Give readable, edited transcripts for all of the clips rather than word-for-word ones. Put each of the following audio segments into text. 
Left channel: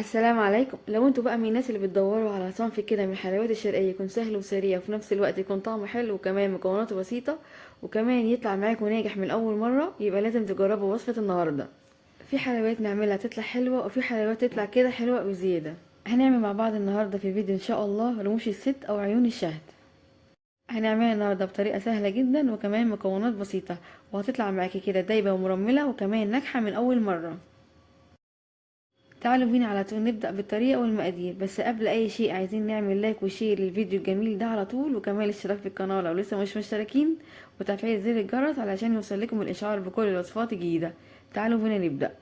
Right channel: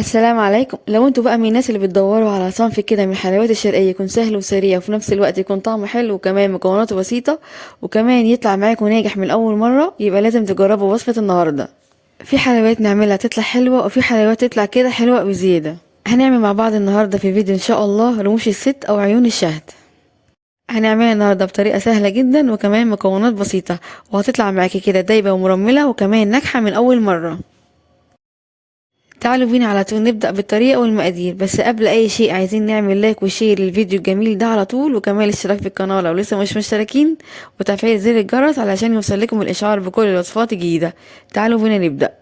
السلام عليكم. لو انتوا بقى من الناس اللي بتدوروا على صنف كده من الحلويات الشرقية يكون سهل وسريع وفي نفس الوقت يكون طعمه حلو وكمان مكوناته بسيطة وكمان يطلع معاكم ناجح من أول مرة، يبقى لازم تجربوا وصفة النهاردة. في حلويات نعملها تطلع حلوة وفي حلويات تطلع كده حلوة بزيادة. هنعمل مع بعض النهاردة في الفيديو إن شاء الله رموش الست أو عيون الشهد. هنعملها النهاردة بطريقة سهلة جدا وكمان مكونات بسيطة، وهتطلع معاكي كده دايبة ومرملة وكمان ناجحة من أول مرة. تعالوا بينا على طول نبدأ بالطريقة والمقادير، بس قبل أي شيء عايزين نعمل لايك وشير للفيديو الجميل ده على طول، وكمان الاشتراك في القناة لو لسه مش مشتركين، وتفعيل زر الجرس علشان يوصلكم الإشعار بكل الوصفات الجديدة. تعالوا بينا نبدأ.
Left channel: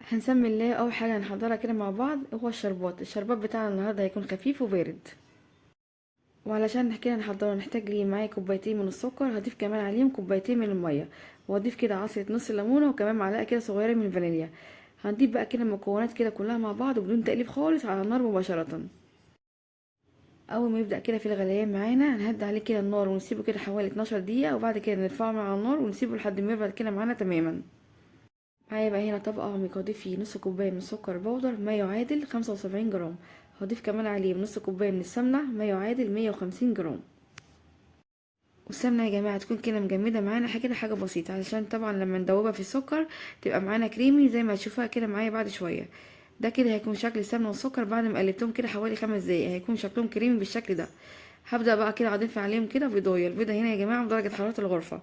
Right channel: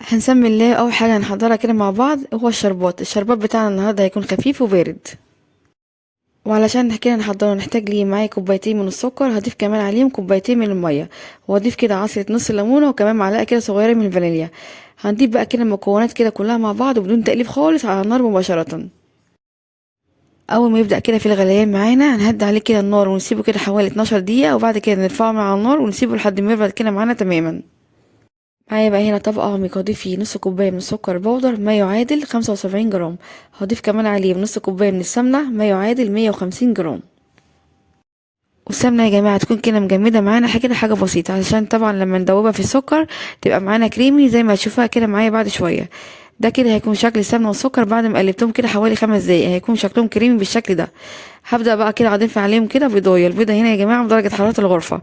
هنسمي الله. أول حاجة هنحضرها كده مع بعض هو الشربات بتاعنا النهاردة هيكون خفيف وبارد، وعلشان كده نحضره نحتاج ليه معايا كوبايتين من السكر، هضيف كمان عليهم كوبايتين من المية، واضيف كده عصرة نص ليمونة وكمان معلقة كده صغيرة من الفانيليا. هنضيف بقى كده المكونات كده كلها مع بعض وبدون تقليب خالص على النار مباشرة. اول ما يبدأ كده في الغليان معانا هنهدي عليه كده النار ونسيبه كده حوالي 12 دقيقة، وبعد كده نرفعه من على النار ونسيبه لحد ما يبرد كده معانا تماما. معايا بقى هنا طبق عميق هضيف فيه نص كوباية من السكر بودر ما يعادل 75 جرام، هضيف كمان عليه نص كوباية من السمنة ما يعادل 150 جرام. والسمنة يا جماعة تكون كده مجمدة معانا حاجة كده، حاجة بسيطة، علشان طبعا لما ندوبها في السكر تبقى معانا كريمي زي ما هتشوفها كده معايا بعد شوية. ده كده هيكون شكل السمنة والسكر بعد ما قلبتهم كده حوالي 5 دقايق، هيكون شكلهم كريمي بالشكل ده. هبدأ بقى كده اضيف عليهم كده بيضاية. البيضة هنا يا جماعة بدرجة حرارة الغرفة.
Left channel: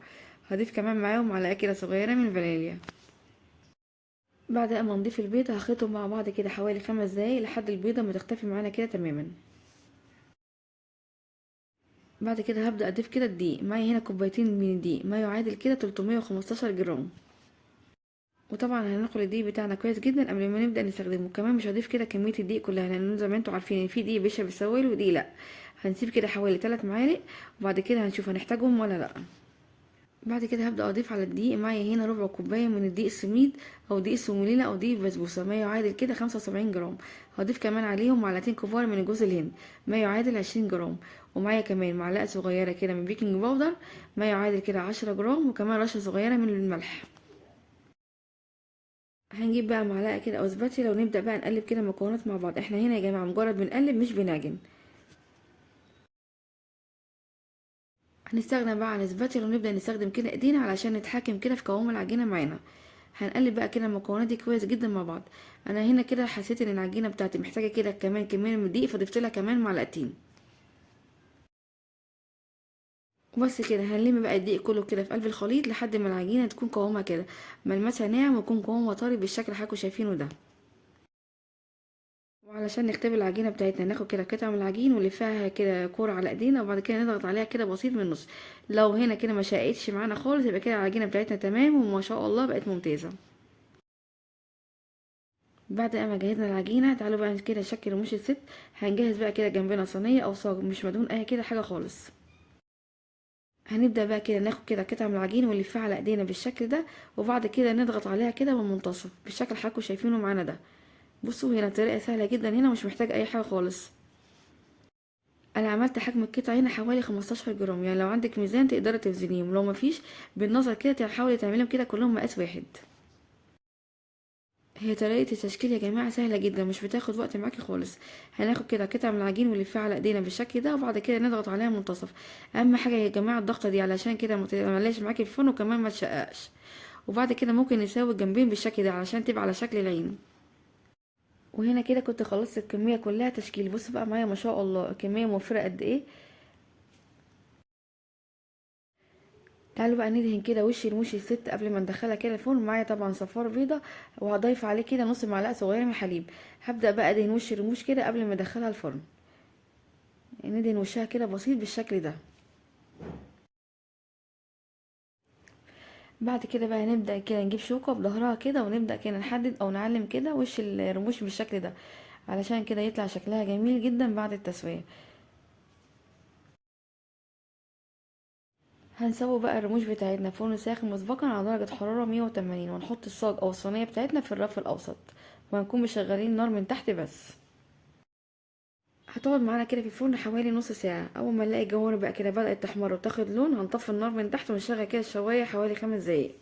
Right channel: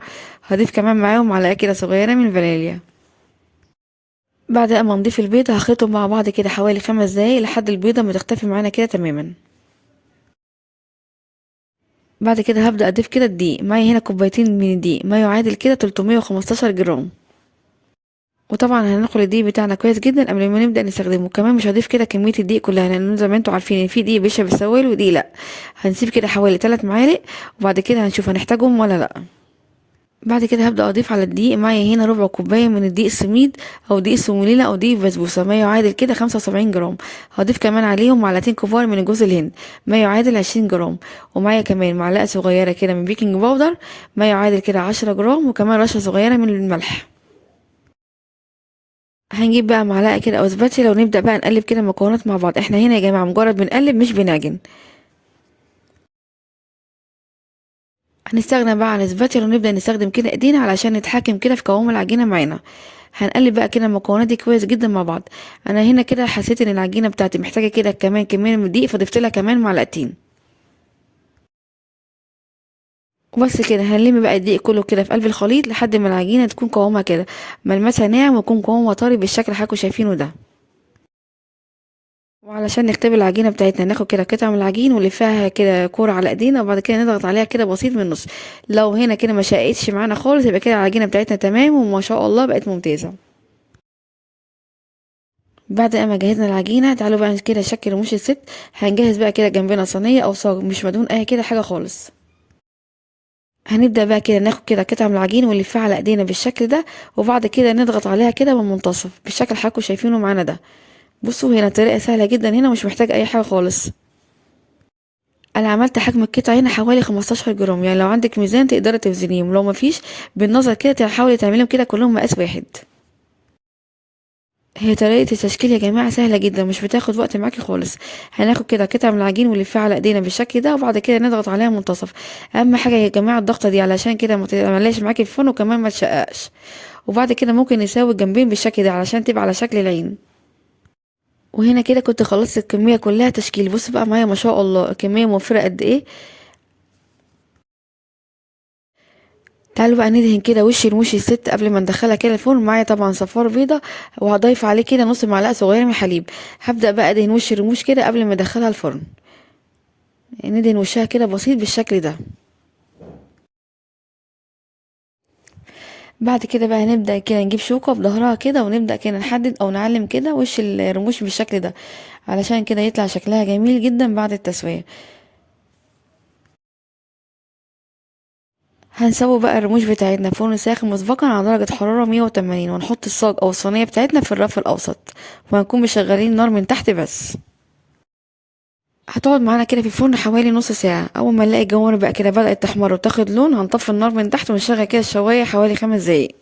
هضيف كمان معاهم معلقة كده صغيرة من الفانيليا. بعد ما نضيف البيضة هخلطهم مع بعض كده حوالي 5 دقايق لحد البيضة ما تختفي معانا كده تماما. بعد كده هبدأ اضيف كده الدقيق. معايا هنا كوبايتين من الدقيق ما يعادل كده 315 جرام. وطبعا هننخل الدقيق بتاعنا كويس جدا قبل ما نبدأ نستخدمه. كمان مش هضيف كده كمية الدقيق كلها، لان زي ما انتوا عارفين ان في دقيق بيشرب السوائل ودقيق لا. هنسيب كده حوالي 3 معالق وبعد كده هنشوف هنحتاجهم ولا لا. بعد كده هبدأ اضيف على الدقيق. معايا هنا ربع كوباية من الدقيق السميد او دقيق السومولينا او دقيق بسبوسة ما يعادل كده 75 جرام. هضيف كمان عليهم معلقتين كبار من جوز الهند ما يعادل 20 جرام. ومعايا كمان معلقة صغيرة كده من بيكنج باودر ما يعادل كده 10 جرام، وكمان رشة صغيرة من الملح. هنجيب بقى معلقة كده او سباتشيلا ونبدأ بقى نقلب كده المكونات مع بعض. احنا هنا يا جماعة مجرد بنقلب مش بنعجن. هنستغنى بقى عن السباتشيلا ونبدأ نستخدم كده ايدينا علشان نتحكم كده في قوام العجينة معانا. هنقلب بقى كده المكونات دي كويس جدا مع بعض. انا هنا كده حسيت ان العجينة بتاعتي محتاجة كده كمان كمية من الدقيق، فضفت لها كمان معلقتين. وبس كده هنلم بقى الدقيق كله كده في قلب الخليط لحد ما العجينة تكون قوامها كده ملمسها ناعم ويكون قوامها طري بالشكل اللي حضراتكم شايفينه ده. وعلشان نختبر العجينة بتاعتنا ناخد كده قطعة من العجين ونلفها كده كورة على ايدينا، وبعد كده نضغط عليها كده بسيط من النص. لو هنا كده ما شقتش معانا خالص يبقى كده العجينة بتاعتنا تمام وما شاء الله بقت ممتازة. بعد ما جهزنا العجينة تعالوا بقى كده نشكل رموش الست. هنجهز بقى كده جنبنا صينية او صاج مش مدهون اي كده حاجة خالص. هنبدأ بقى كده ناخد كده قطعة من العجين ونلفها على ايدينا بالشكل ده، وبعد كده نضغط عليها كده من المنتصف بالشكل اللي حضراتكم شايفينه معانا ده. بصوا هنا طريقة سهلة جدا، هنا مش محتاج اي حاجة خالص. انا عملت حجم القطعه هنا حوالي 15 جرام، يعني لو عندك ميزان تقدري توزنيهم، لو مفيش بالنظر كده تحاولي تعمليهم كده كلهم مقاس واحد. هي طريقه التشكيل يا جماعه سهله جدا مش بتاخد وقت معاكي خالص. هناخد كده قطعه من العجين ونلفها على ايدينا بالشكل ده، وبعد كده نضغط عليها منتصف. اهم حاجه يا جماعه الضغطه دي علشان كده ما تعمليش معاكي في الفرن وكمان ما تشققش. وبعد كده ممكن نساوي الجنبين بالشكل ده علشان تبقى على شكل العين. وهنا كده كنت خلصت الكميه كلها تشكيل. بص بقى معايا ما شاء الله الكميه موفره قد ايه. تعالوا بقى ندهن كده وش رموش الست قبل ما ندخلها كده الفرن. معايا طبعا صفار بيضة وهضيف عليه كده نص معلقة صغيرة من الحليب. هبدأ بقى ادهن وش الرموش كده قبل ما ادخلها الفرن. ندهن وشها كده بسيط بالشكل ده. بعد كده بقى نبدأ كده نجيب شوكة بظهرها كده ونبدأ كده نحدد او نعلم كده وش الرموش بالشكل ده، علشان كده يطلع شكلها جميل جدا بعد التسوية. هنسوي بقى الرموش بتاعتنا في فرن ساخن مسبقا على درجة حرارة 180، ونحط الصاج او الصينية بتاعتنا في الرف الاوسط، وهنكون مشغلين النار من تحت بس. هتقعد معانا كده في الفرن حوالي نص ساعة. أول ما نلاقي الجوانب بقى كده بدأت تحمر وتاخد لون هنطفي النار من تحت ونشغل كده الشواية حوالي 5 دقايق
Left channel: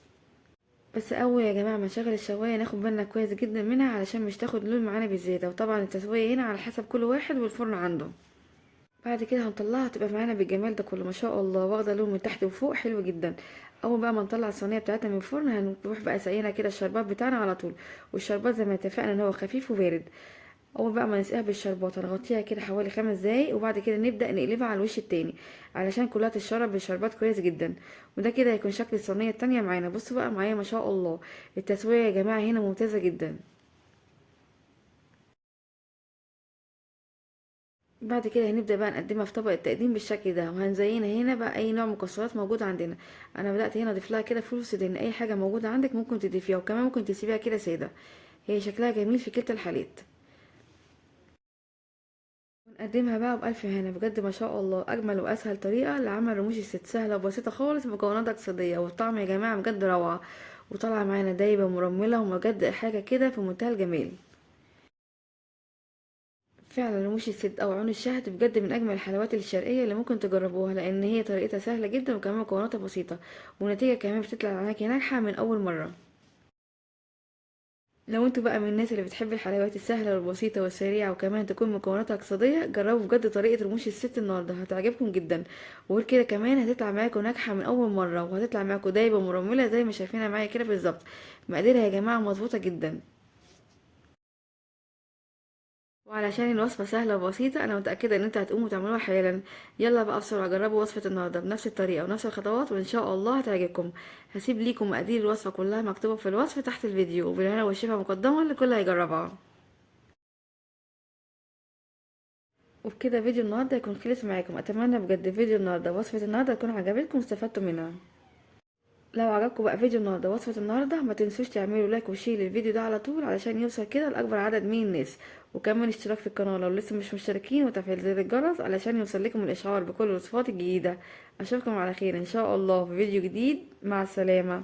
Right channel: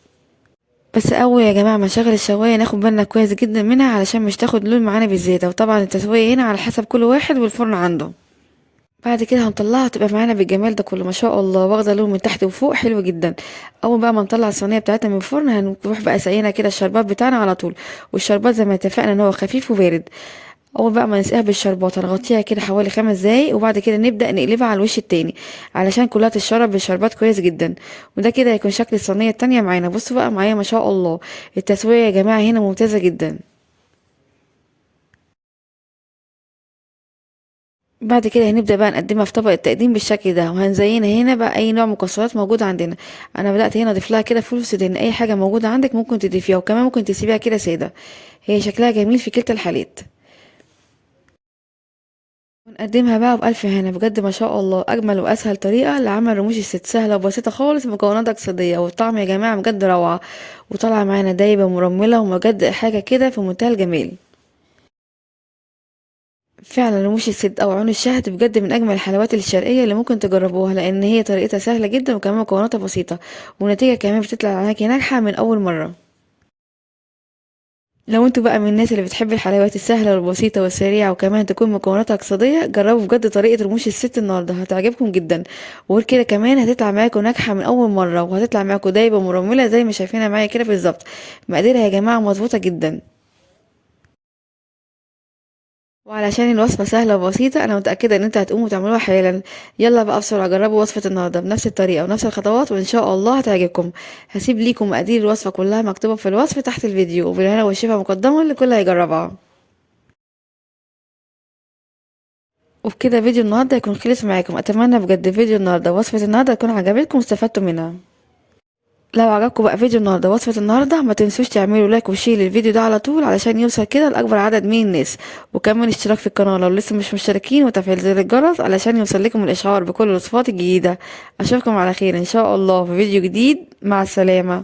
بس اول يا جماعه ما نشغل الشوايه ناخد بالنا كويس جدا منها علشان مش تاخد لون معانا بالزياده، وطبعا التسويه هنا على حسب كل واحد والفرن عنده. بعد كده هنطلعها تبقى معانا بالجمال ده كله ما شاء الله، واخده لون من تحت وفوق حلو جدا. اول بقى ما نطلع الصينيه بتاعتنا من الفرن هنروح بقى سقينا كده الشربات بتاعنا على طول. والشربات زي ما اتفقنا ان هو خفيف وبارد. اول بقى ما نسقيها بالشربات هنغطيها كده حوالي 5 دقايق، وبعد كده نبدا نقلبها على الوش التاني علشان كلها تتشرب بالشربات كويس جدا. وده كده هيكون شكل الصينيه التانية معانا. بصوا بقى معايا ما شاء الله التسويه يا جماعه هنا ممتازه جدا. بعد كده هنبدأ بقى نقدمها في طبق التقديم بالشكل ده، وهنزينها هنا بقى اي نوع مكسرات موجود عندنا. انا بدأت هنا اضيف لها كده فول سوداني، اي حاجة موجودة عندك ممكن تضيفيها، وكمان ممكن تسيبيها كده سادة. هي شكلها جميل في كلتا الحالات. ونقدمها بقى بألف هنا. بجد ما شاء الله اجمل واسهل طريقة لعمل رموش الست، سهلة وبسيطة خالص، مكونات اقتصادية، والطعم يا جماعة بجد روعة. وطالعة معانا دايبة مرملة، وبجد حاجة كده في منتهى الجمال. فعلا رموش الست او عون الشهد بجد من اجمل الحلويات الشرقيه اللي ممكن تجربوها، لان هي طريقتها سهله جدا وكمان مكوناتها بسيطه، والنتيجه كمان بتطلع معاكي ناجحه من اول مره. لو انتوا بقى من الناس اللي بتحب الحلويات السهله والبسيطه والسريعه وكمان تكون مكوناتها اقتصاديه، جربوا بجد طريقه رموش الست النهارده هتعجبكم جدا. وغير كده كمان هتطلع معاكم ناجحه من اول مره، وهتطلع معاكم دايبه مرمله زي ما شايفينها معايا كده بالظبط. مقاديرها يا جماعه مظبوطه جدا. وعلشان الوصفة سهلة وبسيطة أنا متأكدة إن انت هتقوموا تعملوها حالا. يلا بقى بسرعة جربوا وصفة النهاردة بنفس الطريقة ونفس الخطوات، وإن شاء الله هتعجبكم. هسيب ليكم مقادير الوصفة كلها مكتوبة في الوصف تحت الفيديو، وبالهنا والشفا مقدما لكل هيجربها. وبكده فيديو النهاردة يكون خلص معاكم. أتمنى بجد فيديو النهاردة ووصفة النهاردة تكون عجبتكم واستفدتوا منها. لو عجبكم بقى فيديو النهارده وصفة النهارده ما تنسوش تعملوا لايك وشير للفيديو ده على طول علشان يوصل كده لأكبر عدد من الناس. وكمان اشتراك في القناة لو لسه مش مشتركين، وتفعيل زر الجرس علشان يوصل لكم الإشعار بكل الوصفات الجديدة. أشوفكم على خير إن شاء الله في فيديو جديد. مع السلامة.